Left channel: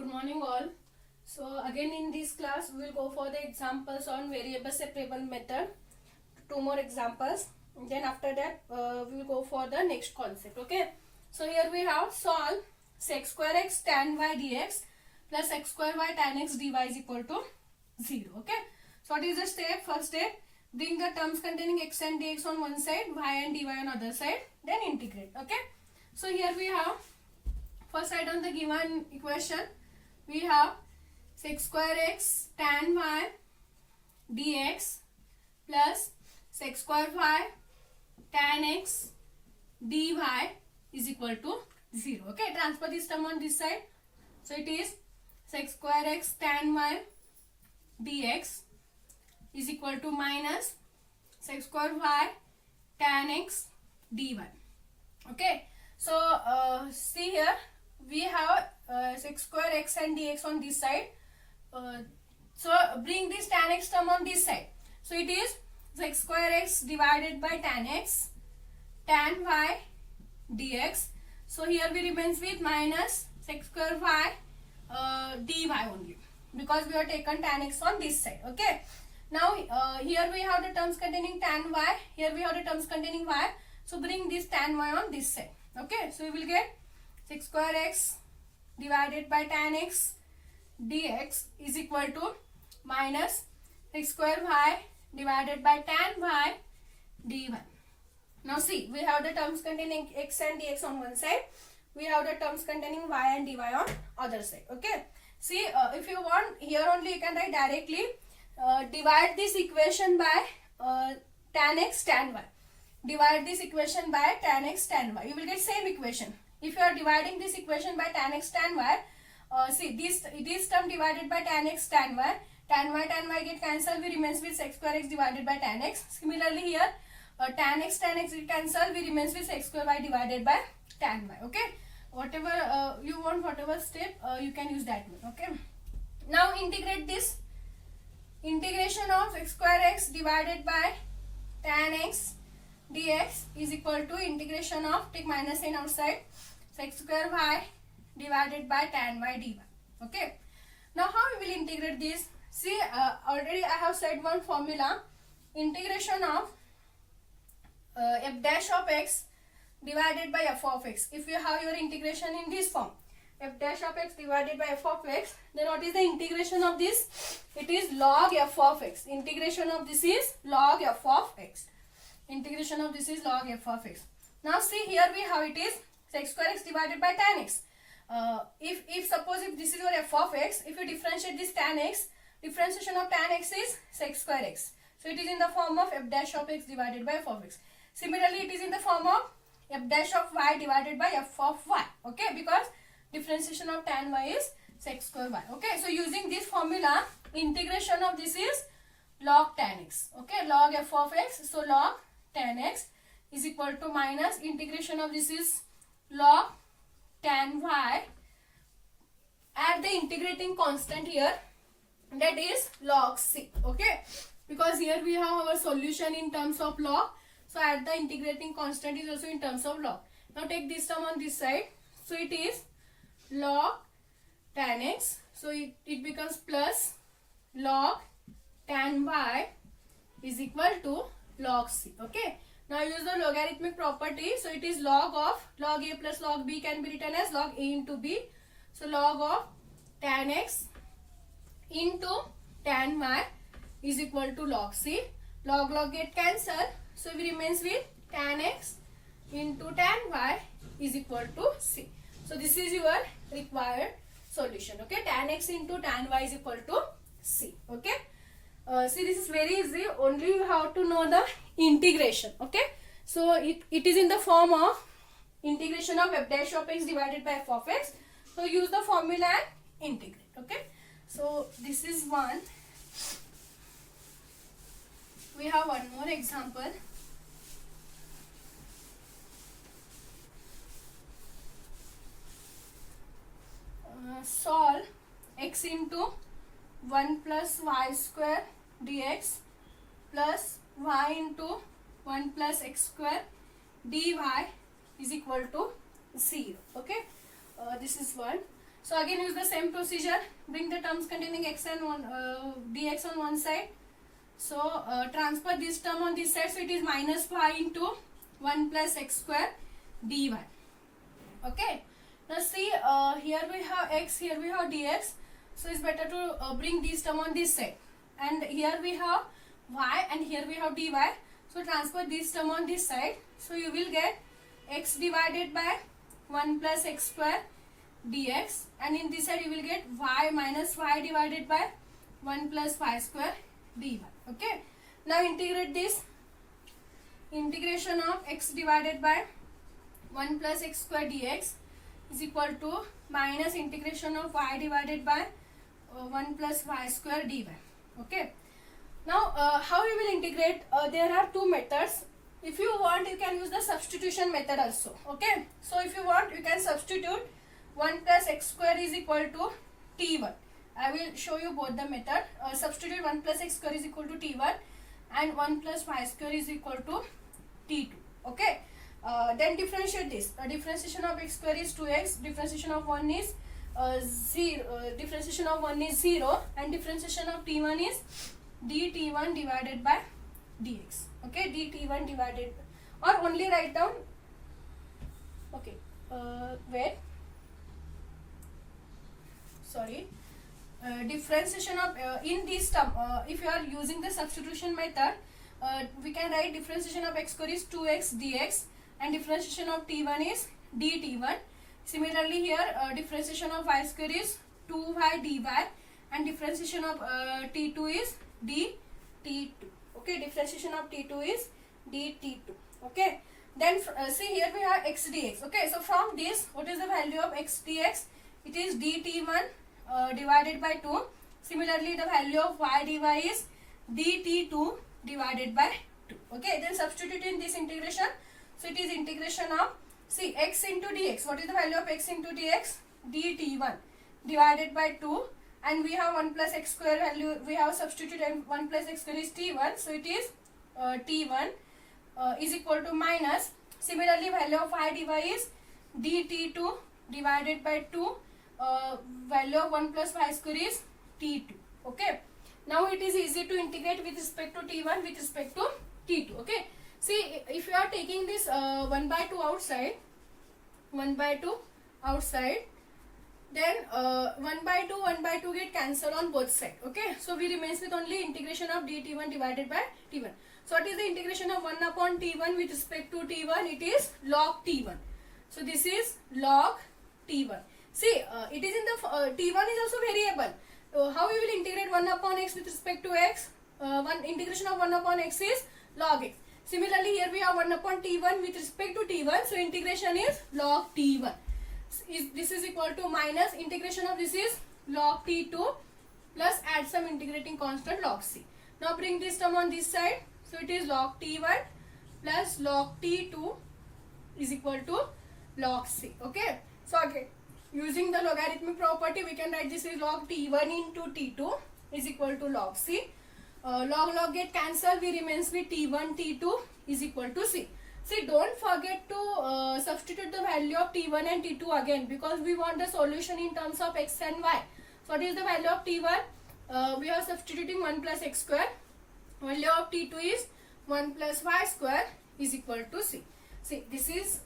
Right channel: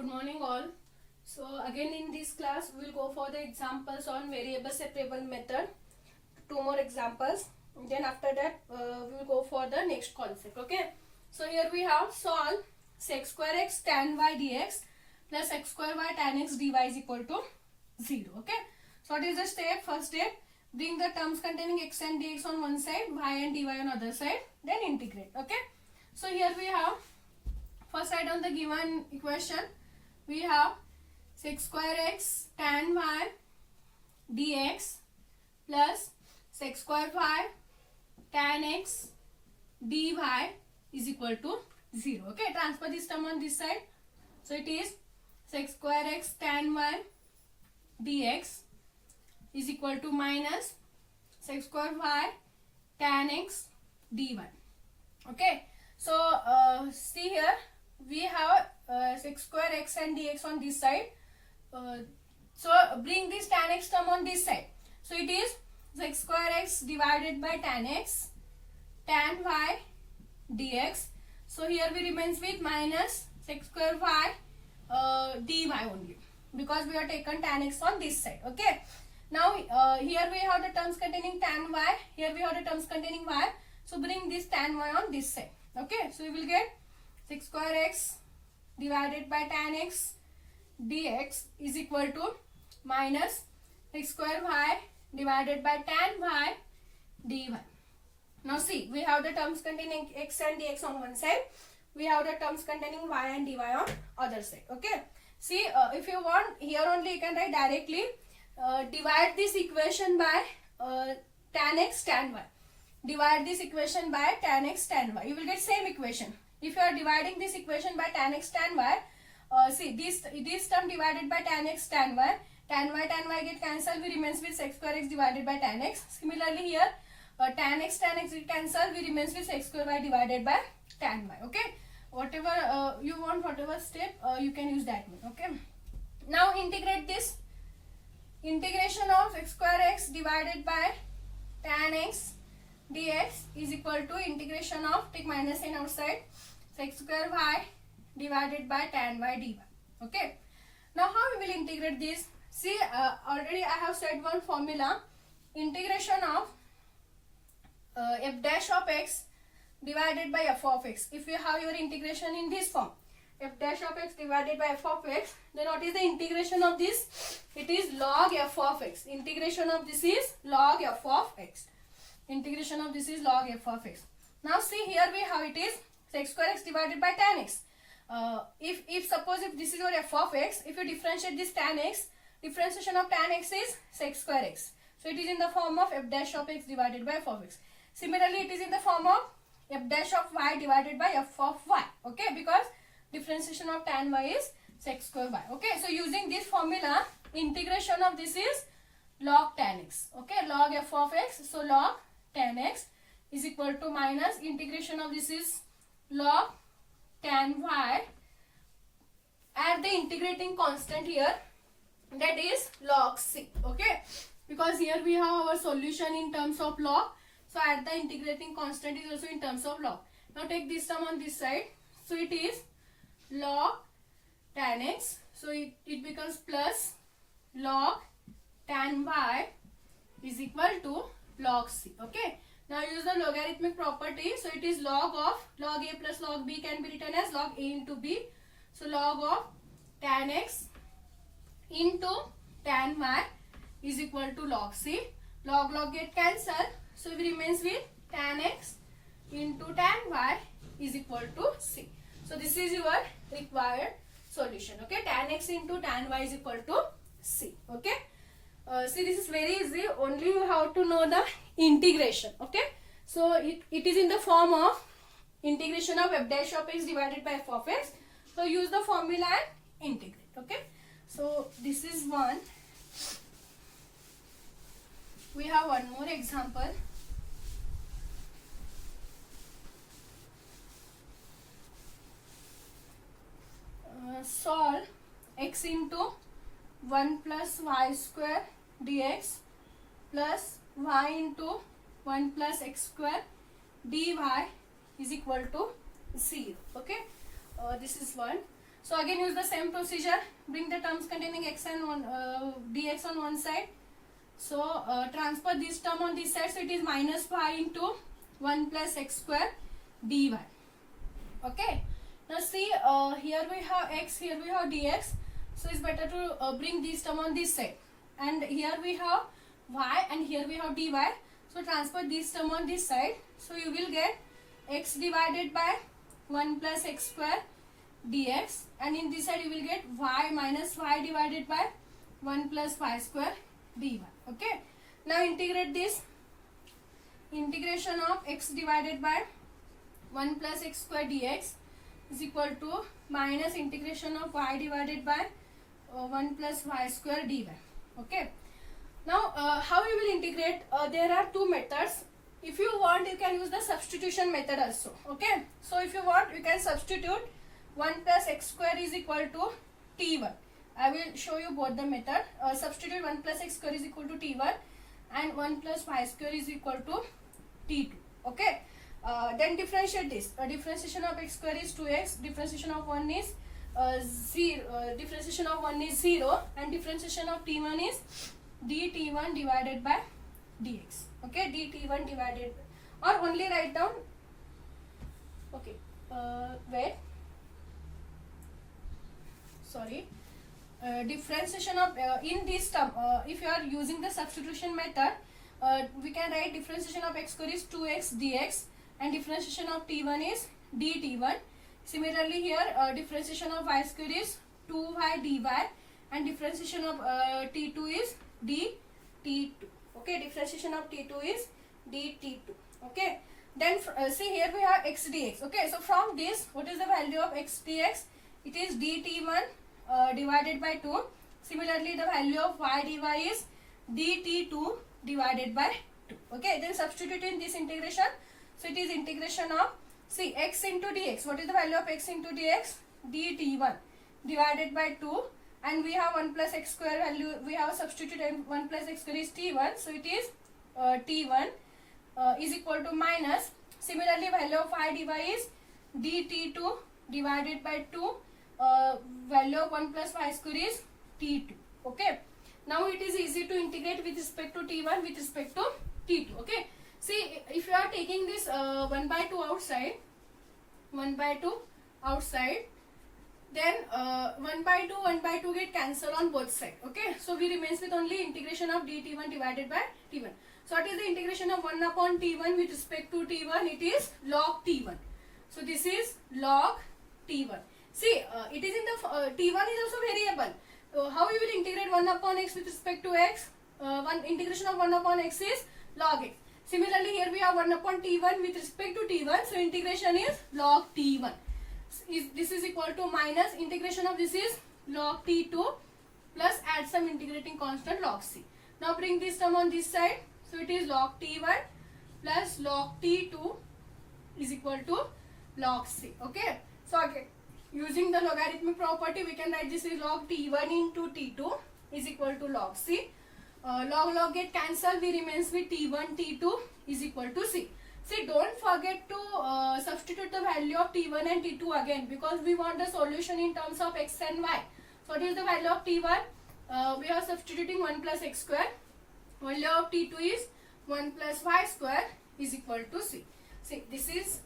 Good morning all. So again in this class we will go for the examples on variable separable method. Two more examples. Then after that we will go for the next concept. Okay. So here we have solve sec square x tan y dx plus x square y tan x dy is equal to 0. Okay. So what is the step? First step, bring the terms containing x and dx on one side, y and dy on other side. Then integrate. Okay. So here we have first side on the given equation. We have sec square x tan y dx plus sec square y tan x dy is equal to 0. Okay, transfer this term on this side. So it is sec square x tan y dx is equal to minus sec square y tan x dy. Okay, so see here we have sec square x and dx on this side. So bring this tan x term on this side. So it is sec square x divided by tan x tan y dx. So here we remains with minus sec square y dy only, because we have taken tan x on this side. Okay. Now here we have the terms containing tan y. Here we have the terms containing y. So bring this tan y on this side. Okay. So we will get sec square x divided by tan x dx is equal to minus sec square y divided by tan y dy. Now see, we have the terms containing x and dx on one side. We have the terms containing y and dy on other side. Okay. See, if you want, here only you can write directly. Divide this equation by tan x tan y. Divide this equation by tan x tan y. You will get same equation. If you are dividing this equation by tan x tan y, see this term divided by tan x tan y get cancelled. We remains with sec square x divided by tan x. Similarly here, tan x get cancelled. We remains with sec square y divided by tan y. Okay. Whatever you want, whatever step you can use that one. Okay. Now integrate this. Integration of x square x divided by tan x dx is equal to integration of, take minus sign outside, sec square y divided by tan y dy. Okay. Now how we will integrate this? See, already I have said one formula. Integration of f dash of x divided by f of x. If you have your integration in this form, f dash of x divided by f of x, then what is the integration of this? It is log f of x. Integration of this is log f of x. Integration of this is log f of x. Now see, here we have it is sec square x divided by tan x. If suppose if this is your f of x, if you differentiate this tan x, differentiation of tan x is sec square x. So it is in the form of f dash of x divided by f of x. Similarly, it is in the form of f dash of y divided by f of y. Okay, because differentiation of tan y is sec square y. Okay, so using this formula, integration of this is log tan x. Okay, log f of x. So log tan x is equal to minus integration of this is log tan y. Add the integrating constant here, that is log c. Okay, because here we have our solution in terms of log. So add the integrating constant is also in terms of log. Now take this term on this side. So it is log tan x. So it becomes plus log tan y is equal to log c. Okay. Now use the logarithmic property. So it is log of log a plus log b can be written as log a into b. So log of tan x into tan y is equal to log c. Log get cancelled. So we remains with tan x into tan y is equal to c. So this is your required solution. Okay. Tan x into tan y is equal to c. Okay. See, this is very easy. Only you have to know the integration. Okay. So it is in the form of integration of f dash of x divided by f of x. So use the formula and integrate. Okay. So this is one. We have one more example. Solve x into 1 plus y square dx plus y into 1 plus x square dy is equal to 0. Okay. This is one. So again use the same procedure. Bring the terms containing x and dx on one side. So transfer this term on this side. So it is minus y into 1 plus x square dy. Okay. Now see, here we have x, here we have dx. So it's better to bring this term on this side. And here we have y and here we have dy. So transfer this term on this side. So you will get x divided by 1 plus x square dx, and in this side you will get y minus y divided by 1 plus y square dy. Okay. Now integrate this. Integration of x divided by 1 plus x square dx is equal to minus integration of y divided by 1 plus y square dy. Okay. Now how we will integrate? There are two methods. If you want, you can use the substitution method also. Okay. So if you want, you can substitute 1 plus x square is equal to t1. I will show you both the method. Substitute 1 plus x square is equal to t1 and 1 plus y square is equal to t2. Okay. Then differentiate this. Differentiation of x square is 2x. Differentiation of 1 is 0. Differentiation of 1 is 0, and differentiation of t1 is dt1 divided by dx. Okay, dt1 divided, or only write down. Okay, where? Sorry. Differentiation of in this term, if you are using the substitution method, we can write differentiation of x square is 2x dx, and differentiation of t1 is dt1. Similarly here, differentiation of y square is 2y dy, and differentiation of t2 is dt2. Okay, differentiation of t2 is dt2. Okay, then see here we have x dx. Okay, so from this, what is the value of x dx? It is dt1 divided by 2. Similarly, the value of y dy is dt2 divided by 2. Okay, then substitute in this integration. So it is integration of, see, x into dx. What is the value of x into dx? dt1 divided by 2. And we have 1 plus x square value. We have substituted 1 plus x square is t1. So it is t1 is equal to minus. Similarly, value of y dy is dt2 divided by 2. Value of 1 plus y square is t2. Okay. Now it is easy to integrate with respect to t1 with respect to t2. Okay. See, if you are taking this 1 by 2 outside, 1 by 2 outside, then 1 by 2 get cancelled on both sides. Okay. So we remains with only integration of dt1 divided by t1. So what is the integration of 1 upon t1 with respect to t1? It is log t1. So this is log t1. See, it is in the t1 is also variable. How you will integrate 1 upon x with respect to x? Integration of 1 upon x is log x. Similarly, here we have 1 upon t1 with respect to t1. So integration is log t1. This is equal to minus integration of this is log t2 plus add some integrating constant log c. Now bring this term on this side. So it is log t1 plus log t2 is equal to log c. Okay. So again, using the logarithmic property, we can write this is log t1 into t2 is equal to log c. Log get cancelled. We remains with t1 t2 is equal to c. See, don't forget to substitute the value of t1 and t2 again, because we want the solution in terms of x and y. So what is the value of t1? We are substituting 1 plus x square. Value of t2 is 1 plus y square is equal to c. See, this is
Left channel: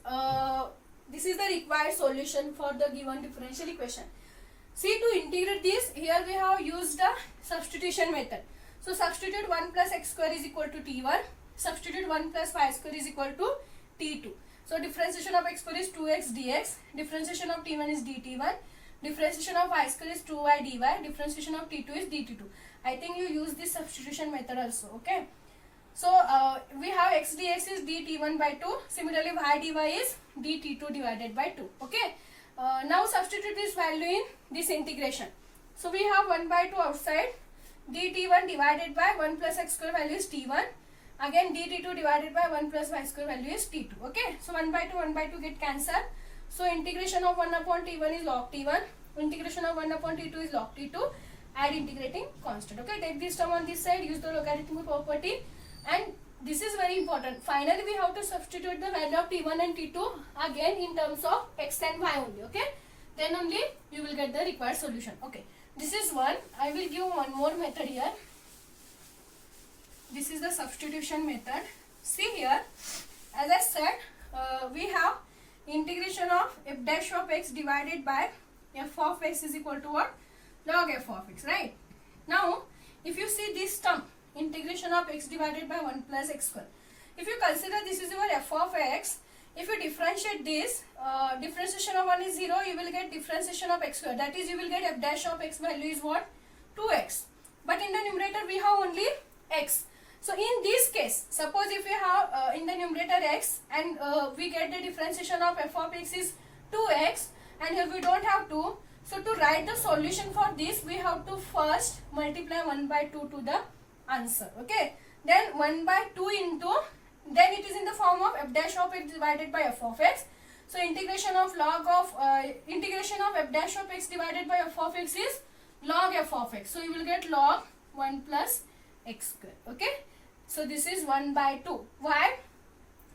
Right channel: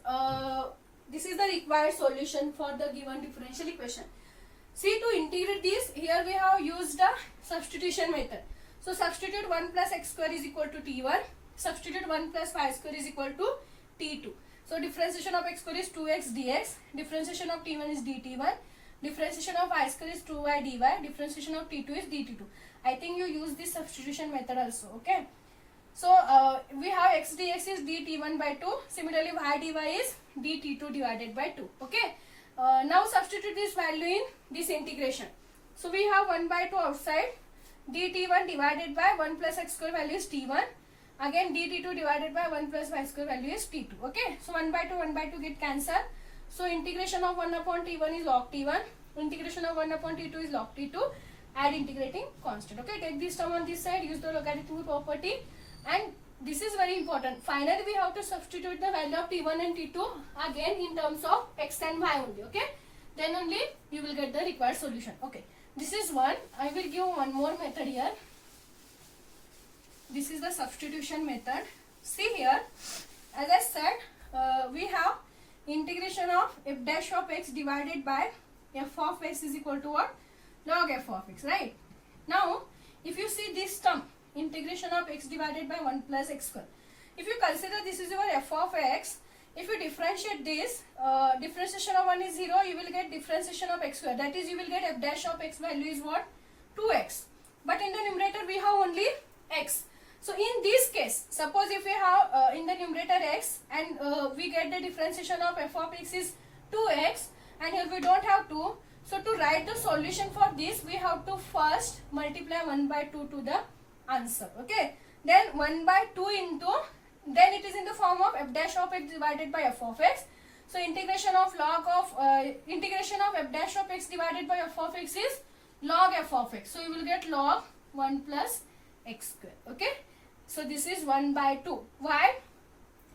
the required solution for the given differential equation. See, to integrate this, here we have used the substitution method. So substitute 1 plus x square is equal to t1. Substitute 1 plus y square is equal to t2. So differentiation of x square is 2x dx. Differentiation of t1 is dt1. Differentiation of y square is 2y dy. Differentiation of t2 is dt2. I think you use this substitution method also. Okay. So we have x dx is dt1 by 2. Similarly, y dy is dt2 divided by 2. Okay. Now substitute this value in this integration. So we have 1 by 2 outside. dt1 divided by 1 plus x square value is t1. Again dt2 divided by 1 plus y square value is t2. Okay. So 1 by 2 get cancelled. So integration of 1 upon t1 is log t1. Integration of 1 upon t2 is log t2. Add integrating constant. Okay. Take this term on this side. Use the logarithmic property. And this is very important. Finally, we have to substitute the value of t1 and t2 again in terms of x and y only. Okay. then only you will get the required solution. Okay, this is one. I will give one more method here. This is the substitution method. See here, as I said, we have integration of f dash of x divided by f of x is equal to what? Log f of x, right? Now, if you see this term, integration of x divided by 1 plus x square. If you consider this is your f of x, if you differentiate this, differentiation of 1 is 0, you will get differentiation of x square. That is, you will get f dash of x value is what? 2x. But in the numerator, we have only x. So, in this case, suppose if we have in the numerator x and we get the differentiation of f of x is 2x, and here we don't have 2. So, to write the solution for this, we have to first multiply 1 by 2 to the answer. Okay. Then 1 by 2 into, then it is in the form of f dash of x divided by f of x. So, integration of f dash of x divided by f of x is log f of x. So, you will get log 1 plus x square. Okay. So, this is 1 by 2. Why?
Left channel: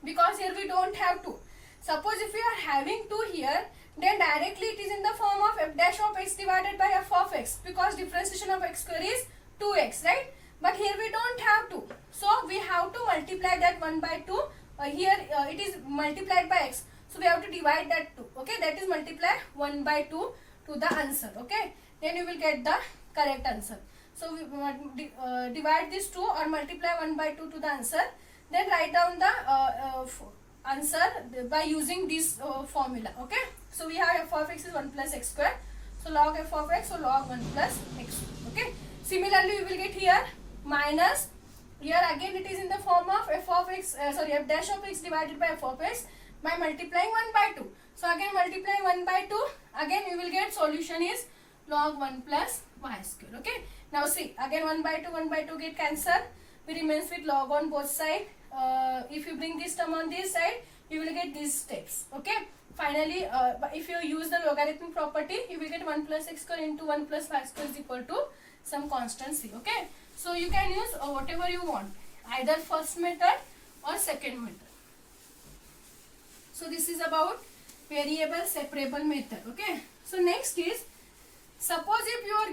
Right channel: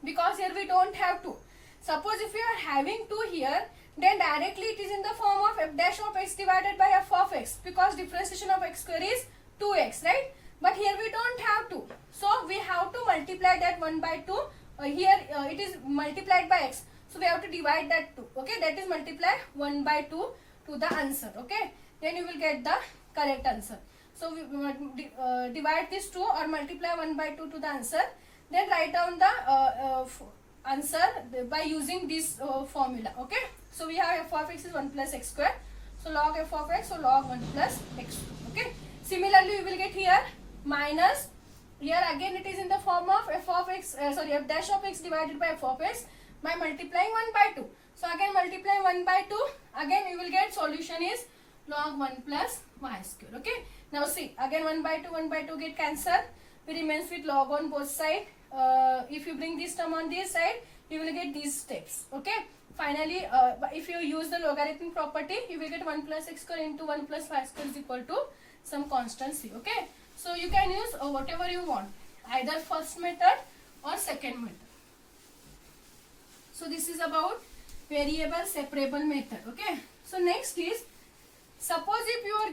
Because here we don't have 2. Suppose if we are having 2 here, then directly it is in the form of f dash of x divided by f of x, because differentiation of x square is 2x, right? But here we don't have 2. So, we have to multiply that 1 by 2. Here it is multiplied by x. So, we have to divide that 2. Okay, that is multiply 1 by 2 to the answer. Okay, then you will get the correct answer. So, we divide this 2 or multiply 1 by 2 to the answer. Then write down the answer by using this formula. Okay, so we have f of x is 1 plus x square. So, log f of x, so log 1 plus x. Okay, similarly we will get here minus, here again it is in the form of f of x, f dash of x divided by f of x by multiplying 1 by 2. So, again multiply 1 by 2, again we will get solution is log 1 plus y square. Okay, now see, again 1 by 2 get cancelled. We remains with log on both sides. If you bring this term on this side, you will get these steps. Okay, finally if you use the logarithmic property, you will get 1 plus x square into 1 plus y square is equal to some constant c. Okay, so you can use whatever you want, either first method or second method. So this is about variable separable method. Okay, so next is, suppose if your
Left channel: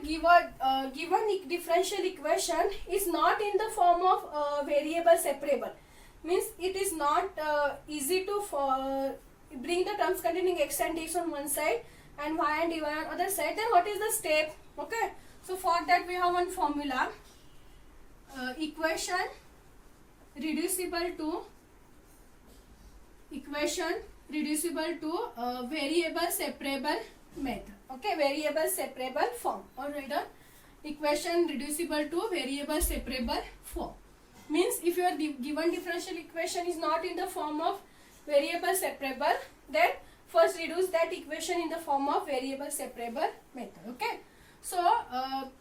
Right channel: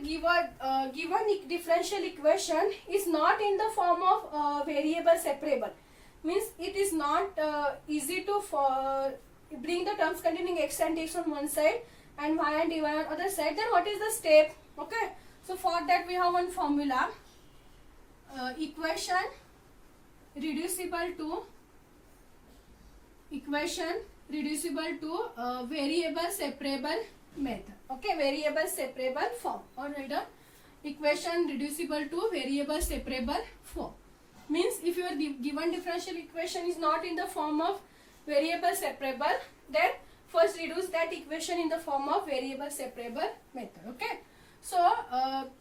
given differential equation is not in the form of variable separable, means it is not easy to bring the terms containing x and dx on one side and y and dy on other side, then what is the step? Okay, so for that we have one formula, equation reducible to variable separable method. Okay, variable separable form. Alright, equation reducible to variable separable form means if your given differential equation is not in the form of variable separable, then first reduce that equation in the form of variable separable method. Okay, so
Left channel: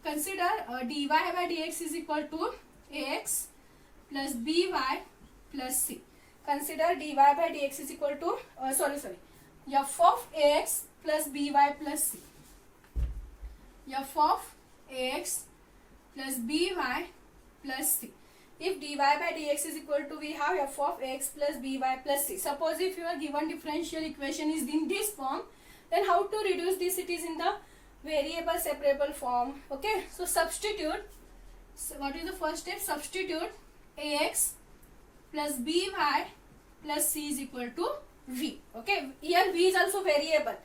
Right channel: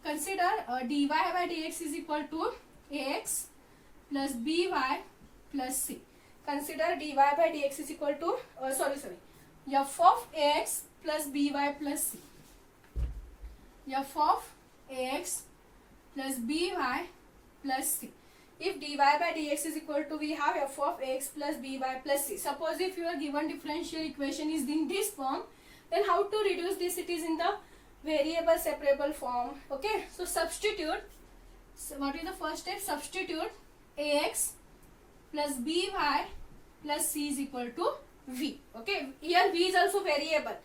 consider dy by dx is equal to ax plus by plus c. Consider dy by dx is equal to f of ax plus by plus c. F of ax plus by plus c. If dy by dx is equal to, we have f of ax plus by plus c. Suppose if your given differential equation is in this form, then how to reduce this? It is in the variable separable form. Okay, so substitute. So what is the first step? Substitute ax plus by plus c is equal to v. Okay, here v is also variable.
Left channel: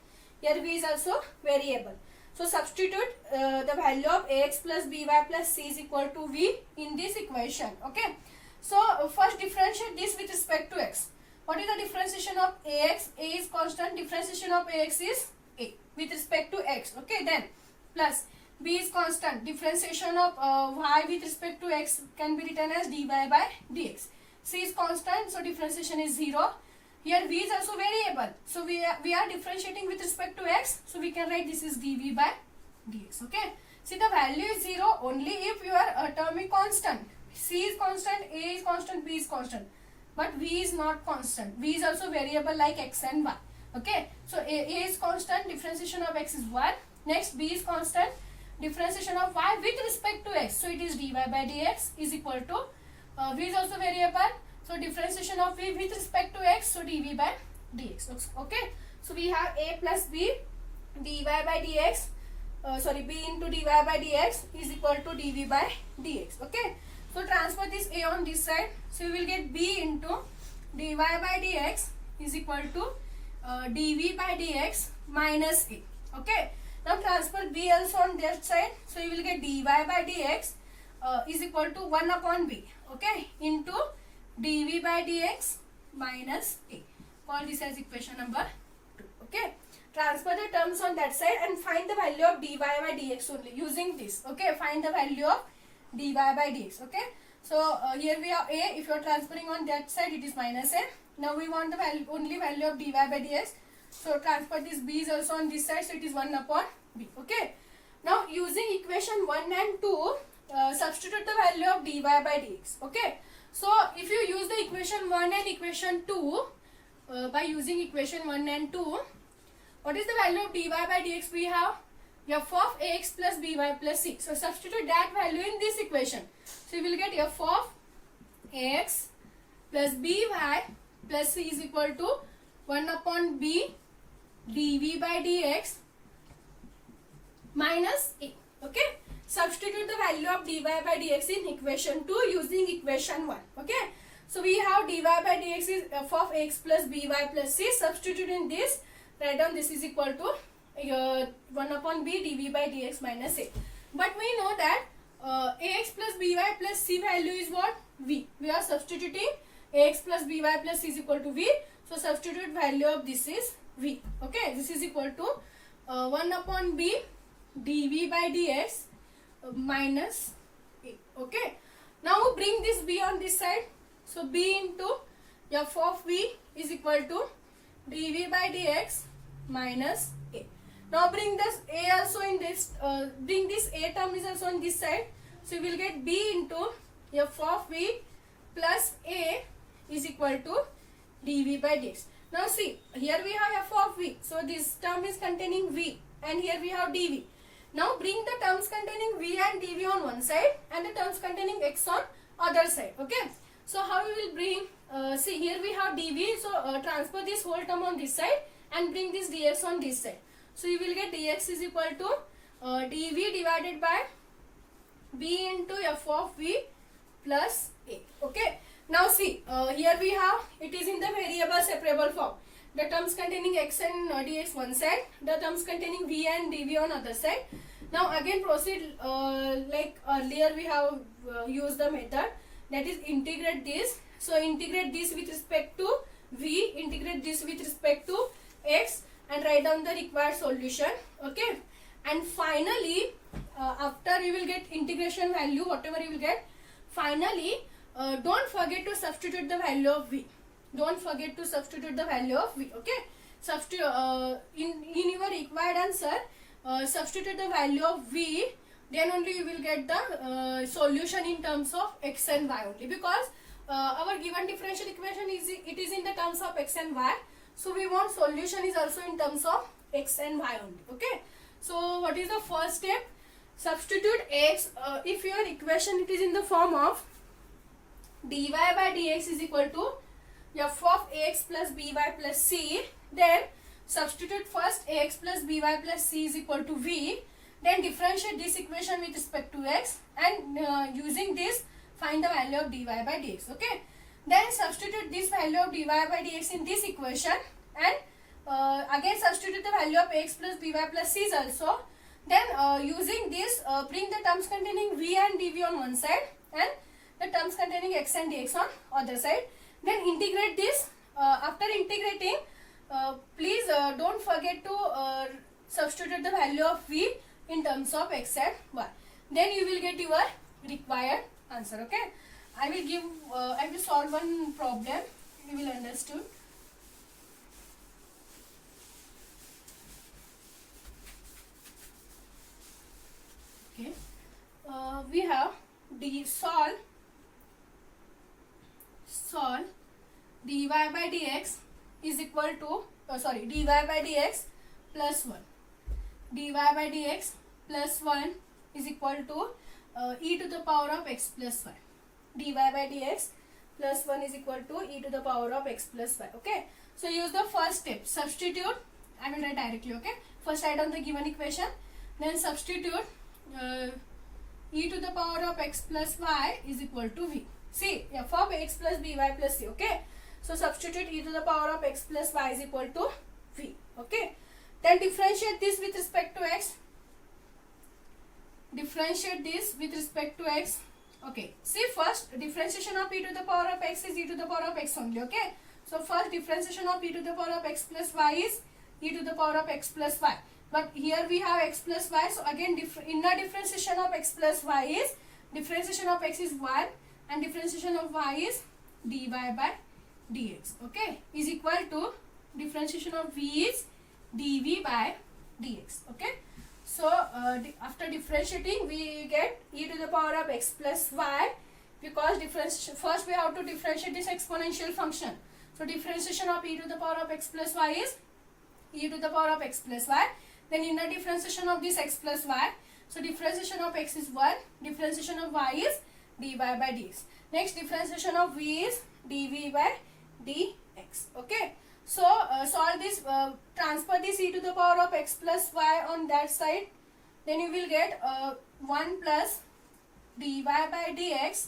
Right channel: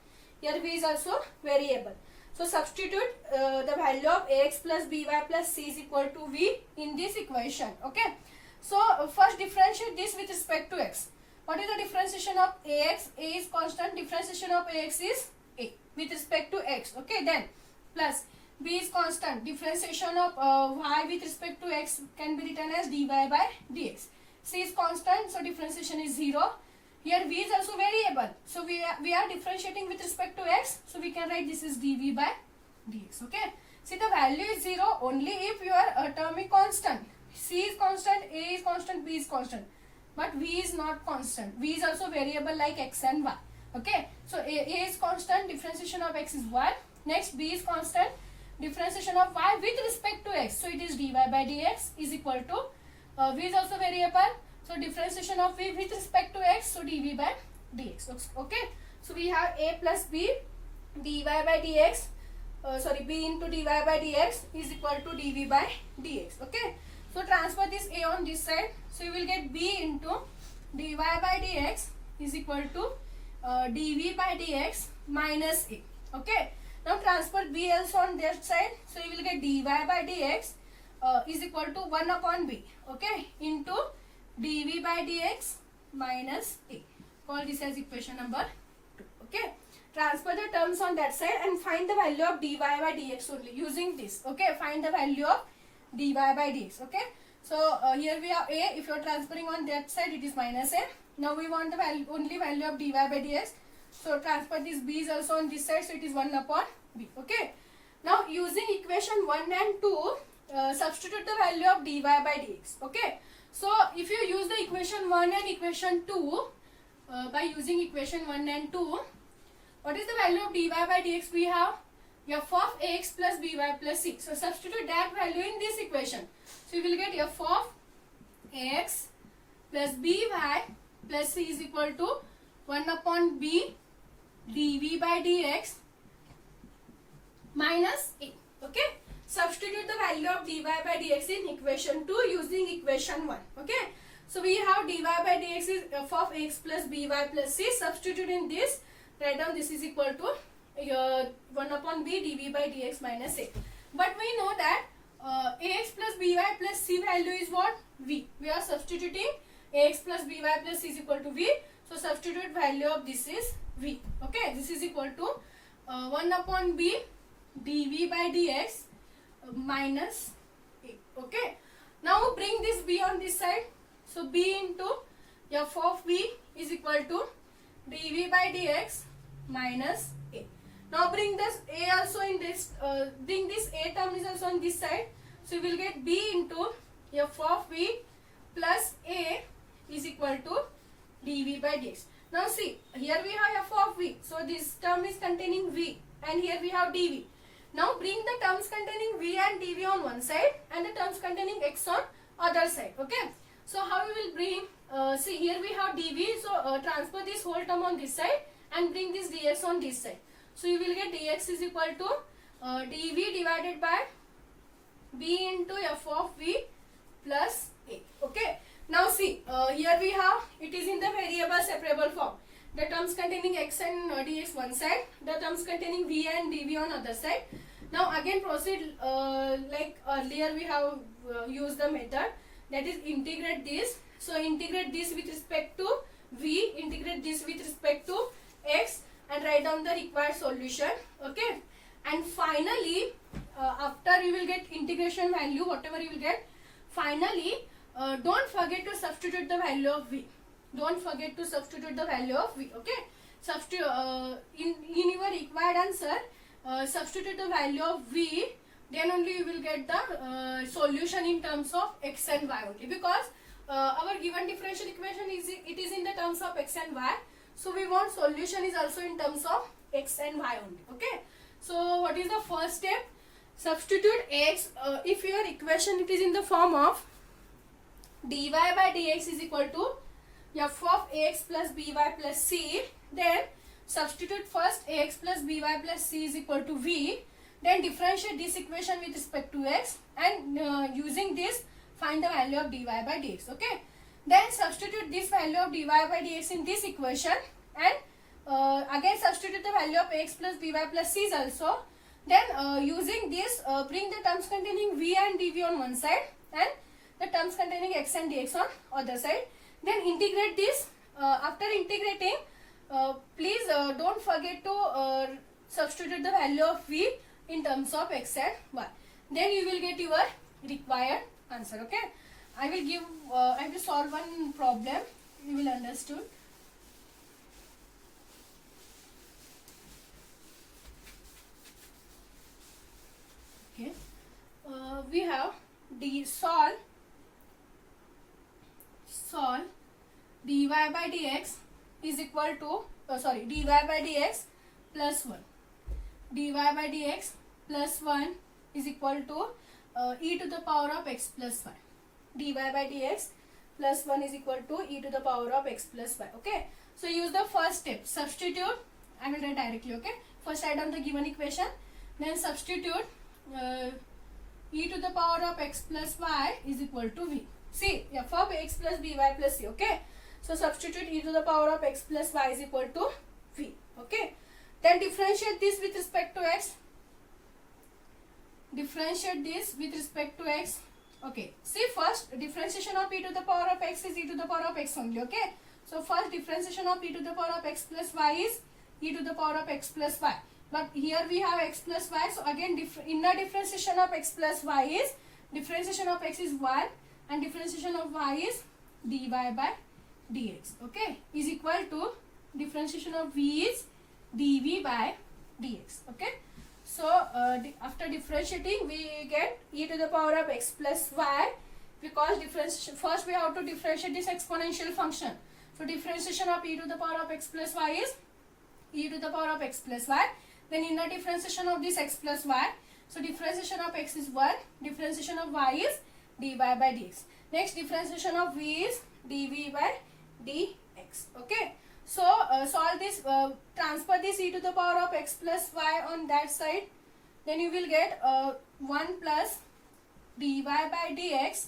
So substitute the value of ax plus by plus c is equal to v in this equation. Okay, so first differentiate this with respect to x. What is the differentiation of ax? A is constant. Differentiation of ax is a with respect to x. Okay, then plus b is constant. Differentiation of y with respect to x can be written as dy by dx. C is constant, so differentiation is 0. Here v is also variable, so we are differentiating with respect to x, so we can write this is dv by dx. Okay, see, the value is 0 only if your term is constant. C is constant, a is constant, b is constant, but v is not constant. V is also variable like x and y. Okay, so a is constant, differentiation of x is 1. Next, b is constant, differentiation of y with respect to x, so it is dy by dx is equal to v is also variable, so differentiation of v with respect to x, so dv by dx. Okay, so we have a plus b dy by dx, b into dy by dx is equal to dv by dx. Okay, so transfer this a on this side, so you will get b into dy by dx is equal to dv by dx minus a. Okay, now transfer b also on that side, so you will get dy by dx is equal to 1 upon b, okay, into dv by dx minus a. Call this as equation number 2. Okay, transfer the terms on that side and find the value of dy by dx only using this. Okay, find the value of dy by dx. Okay, so here we have a. If you are transferring on that side, it is minus a. Now we want the value, only value of dy by dx. So transfer this b is also on this side, so it is 1 upon b. Okay, now using equation 1 and 2, substitute the value of dy by dx. Okay, so if you use the equation 1 and equation 2, by using equation 1 and 2, what is the value of dy by dx? We have f of ax plus by plus c. So substitute that value in this equation. So you will get f of ax plus by plus c is equal to 1 upon b dv by dx minus a. Okay, substitute the value of dy by dx in equation 2 using equation 1. Okay, so we have dy by dx is f of x plus by plus c. Substitute in this, write down this is equal to 1 upon b dv by dx minus a. But we know that ax plus by plus c value is what? V. We are substituting ax plus by plus c is equal to v. So substitute value of this is v. Okay, this is equal to 1 upon b dv by dx minus a. Okay, now bring this b on this side. So b into f of v is equal to dv by dx minus a. Now bring this a also in this, bring this a term is also on this side. So you will get b into f of v plus a is equal to dv by dx. Now see, here we have f of v. So this term is containing v and here we have dv. Now bring the terms containing v and dv on one side and the terms containing x on other side. Okay, so how we will bring, see here we have dv, so transfer this whole term on this side and bring this dx on this side. So you will get dx is equal to dv divided by b into f of v plus a. Okay, now see, here we have, it is in the variable separable form. The terms containing x and dx one side, the terms containing v and dv on other side. Now again proceed like earlier we have used the method, that is integrate this. So integrate this with respect to v, integrate this with respect to x and write down the required solution. Okay, and finally after you will get integration value, whatever you will get, finally don't forget to substitute the value of v. Don't forget to substitute the value of v. Okay, substitute in your required answer, substitute the value of v, then only you will get the solution in terms of x and y only, because our given differential equation is, it is in the terms of x and y. So we want solution is also in terms of x and y only. Okay, so what is the first step? Substitute x. If your equation it is in the form of dy by dx is equal to f of ax plus by plus c, then substitute first ax plus by plus c is equal to v, then differentiate this equation with respect to x and using this find the value of dy by dx. Okay, then substitute this value of dy by dx in this equation and again substitute the value of ax plus by plus c also. Then using this bring the terms containing v and dv on one side and the terms containing x and dx on other side. Then integrate this. After integrating, please don't forget to substitute the value of v in terms of x and y. Then you will get your required answer. Okay, I will solve one problem. You will understand. Okay, we have solve dy by dx is equal to dy by dx plus 1. Dy by dx plus 1 is equal to e to the power of x plus y. Dy by dx plus 1 is equal to e to the power of x plus y. Okay, so use the first step, substitute. I will write directly. Okay, First write down the given equation, then substitute e to the power of x plus y is equal to v. See, f of x plus by plus c. Okay, so substitute e to the power of x plus y is equal to v. Okay, then differentiate this with respect to x. Differentiate this with respect to x. Okay, see, first differentiation of e to the power of x is e to the power of x only. Okay, so first differentiation of e to the power of x plus y is e to the power of x plus y. But here we have x plus y. So again, inner differentiation of x plus y is differentiation of x is 1 and differentiation of y is dy by dx. Okay, is equal to differentiation of v is dv by dx. Okay, so after differentiating we get e to the power of x plus y, because differentiation, first we have to differentiate this exponential function. So differentiation of e to the power of x plus y is e to the power of x plus y. Then inner differentiation of this x plus y. So differentiation of x is 1. Differentiation of y is dy by dx. Next differentiation of v is dv by dx. Okay. So solve this, transfer this e to the power of x plus y on that side. Then you will get 1 plus dy by dx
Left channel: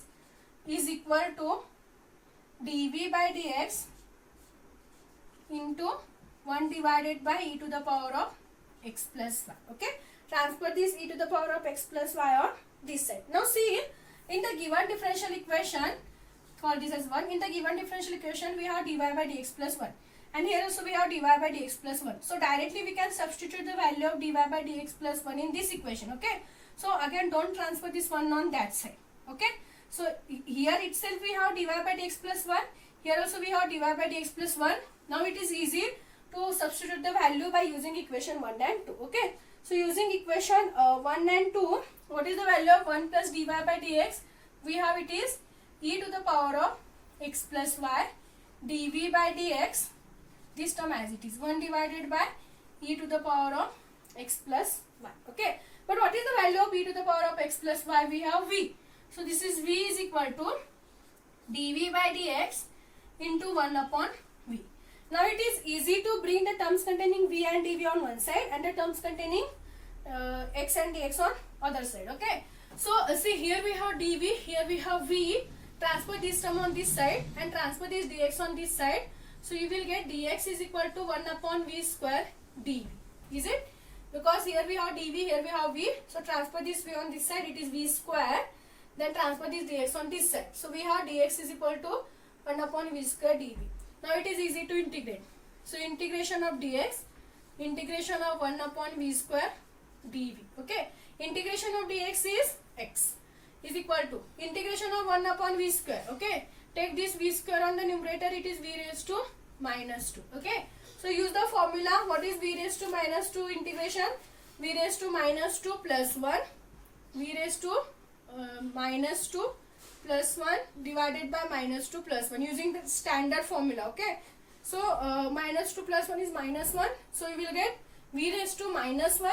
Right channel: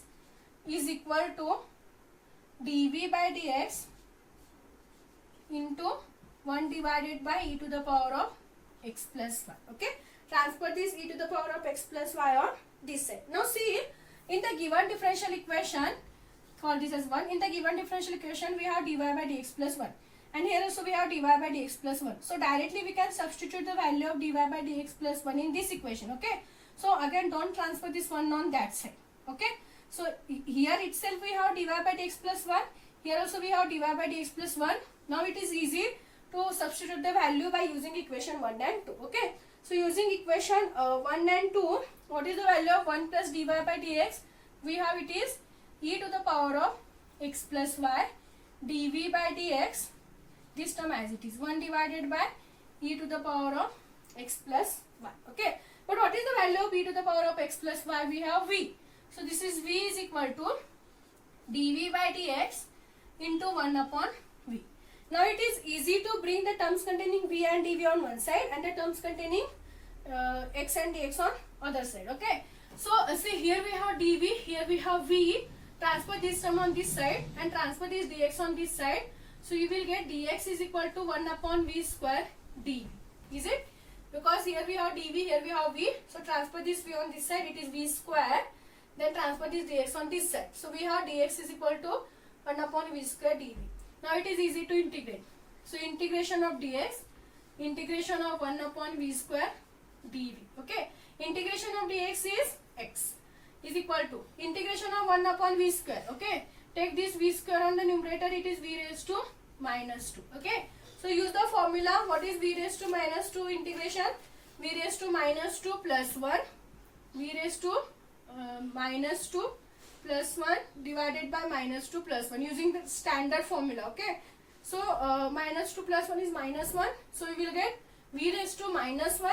is equal to dv by dx into 1 divided by e to the power of x plus y. Okay, transfer this e to the power of x plus y on this side. Now see, in the given differential equation, call this as 1. In the given differential equation we have dy by dx plus 1, and here also we have dy by dx plus 1. So directly we can substitute the value of dy by dx plus 1 in this equation. Okay, so again don't transfer this 1 on that side. Okay, so here itself we have dy by dx plus 1, here also we have dy by dx plus 1. Now it is easy to substitute the value by using equation 1 and 2. Okay, so using equation 1 and 2, what is the value of 1 plus dy by dx? We have it is e to the power of x plus y dv by dx, this term as it is, 1 divided by e to the power of x plus y. Okay, but what is the value of e to the power of x plus y? We have v. So this is v is equal to dv by dx into 1 upon v. Now it is easy to bring the terms containing v and dv on one side and the terms containing x and dx on other side. Okay, so see, here we have dv, here we have v. Transfer this term on this side and transfer this dx on this side. So you will get dx is equal to 1 upon v square dv. Is it? Because here we have dv, here we have v. So transfer this v on this side, it is v square. Then transfer this dx on this side. So we have dx is equal to 1 upon v square dv. Now it is easy to integrate. So integration of dx, integration of 1 upon v square dv. Okay, integration of dx is x is equal to integration of 1 upon v square. Okay, take this v square on the numerator, it is v raised to minus 2. Okay, so use the formula. What is v raised to minus 2 integration? V raised to minus 2 plus 1, v raised to minus 2 plus 1 divided by minus 2 plus 1 using the standard formula. Okay, so minus 2 plus 1 is minus 1. So you will get v raised to minus 1.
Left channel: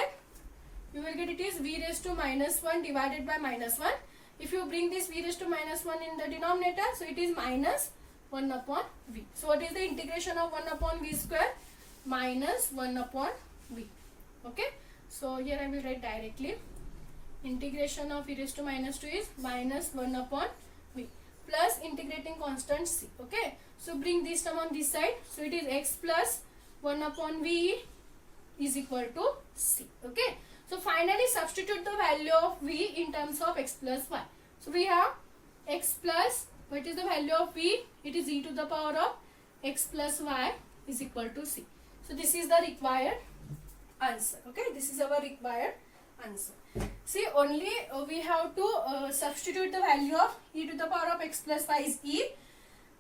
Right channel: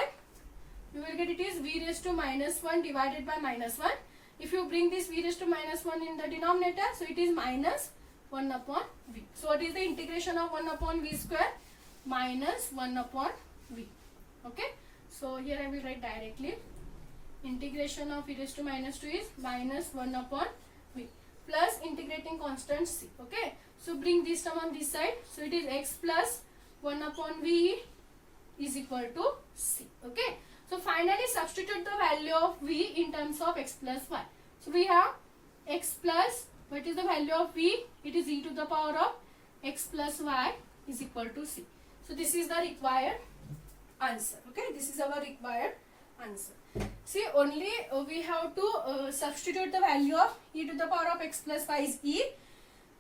You will get it is v raised to minus 1 divided by minus 1. If you bring this v raised to minus 1 in the denominator, so it is minus 1 upon v. So what is the integration of 1 upon v square? Minus 1 upon v. Okay, so here I will write directly. Integration of e raised to minus 2 is minus 1 upon v plus integrating constant c. Okay, so bring this term on this side. So it is x plus 1 upon v is equal to c. Okay, so finally substitute the value of v in terms of x plus y. So we have x plus, what is the value of v? It is e to the power of x plus y is equal to c. So this is the required answer. Okay, this is our required answer. See, only we have to substitute the value of e to the power of x plus y is e.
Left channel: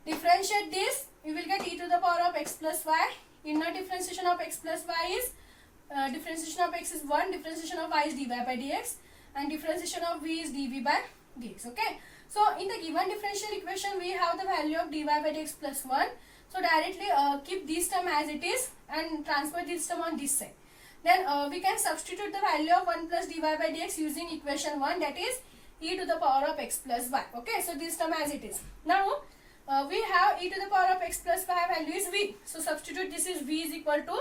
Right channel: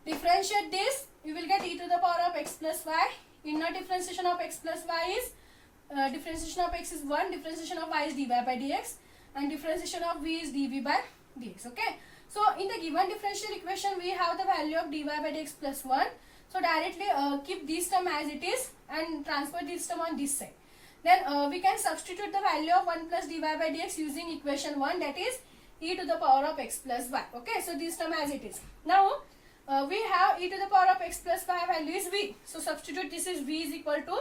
Differentiate this, we will get e to the power of x plus y. Inner differentiation of x plus y is differentiation of x is 1, differentiation of y is dy by dx, and differentiation of v is dv by dx. Okay, so in the given differential equation we have the value of dy by dx plus 1. So directly keep this term as it is and transfer this term on this side. Then we can substitute the value of 1 plus dy by dx using equation 1, that is e to the power of x plus y. Okay, so this term as it is. Now we have e to the power of x plus y value is v. So substitute, this is v is equal to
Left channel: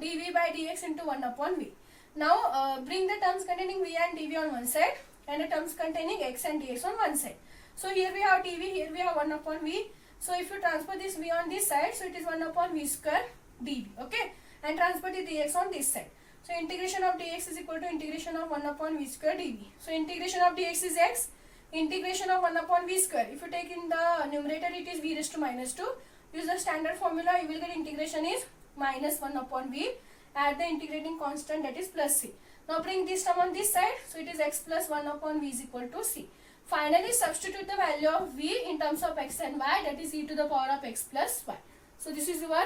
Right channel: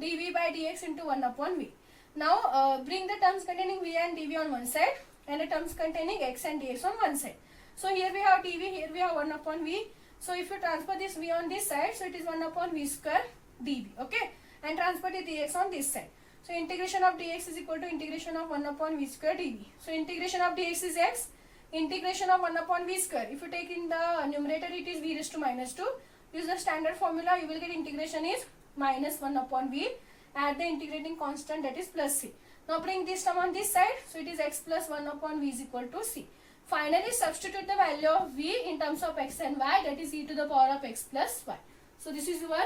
dv by dx into 1 upon v. Now bring the terms containing v and dv on one side and the terms containing x and dx on one side. So here we have dv, here we have 1 upon v. So if you transfer this v on this side, so it is 1 upon v square dv, okay, and transfer the dx on this side. So integration of dx is equal to integration of 1 upon v square dv. So integration of dx is x, integration of 1 upon v square. If you take in the numerator, it is v raised to minus 2. Use the standard formula, you will get integration is minus 1 upon v. Add the integrating constant, that is plus c. Now bring this term on this side, so it is x plus 1 upon v is equal to c. Finally substitute the value of v in terms of x and y, that is e to the power of x plus y. So this is your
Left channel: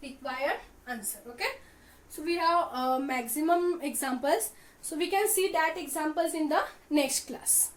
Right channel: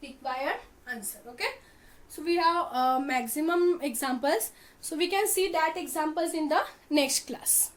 required answer, okay. So we have maximum examples, so we can see that examples in the next class.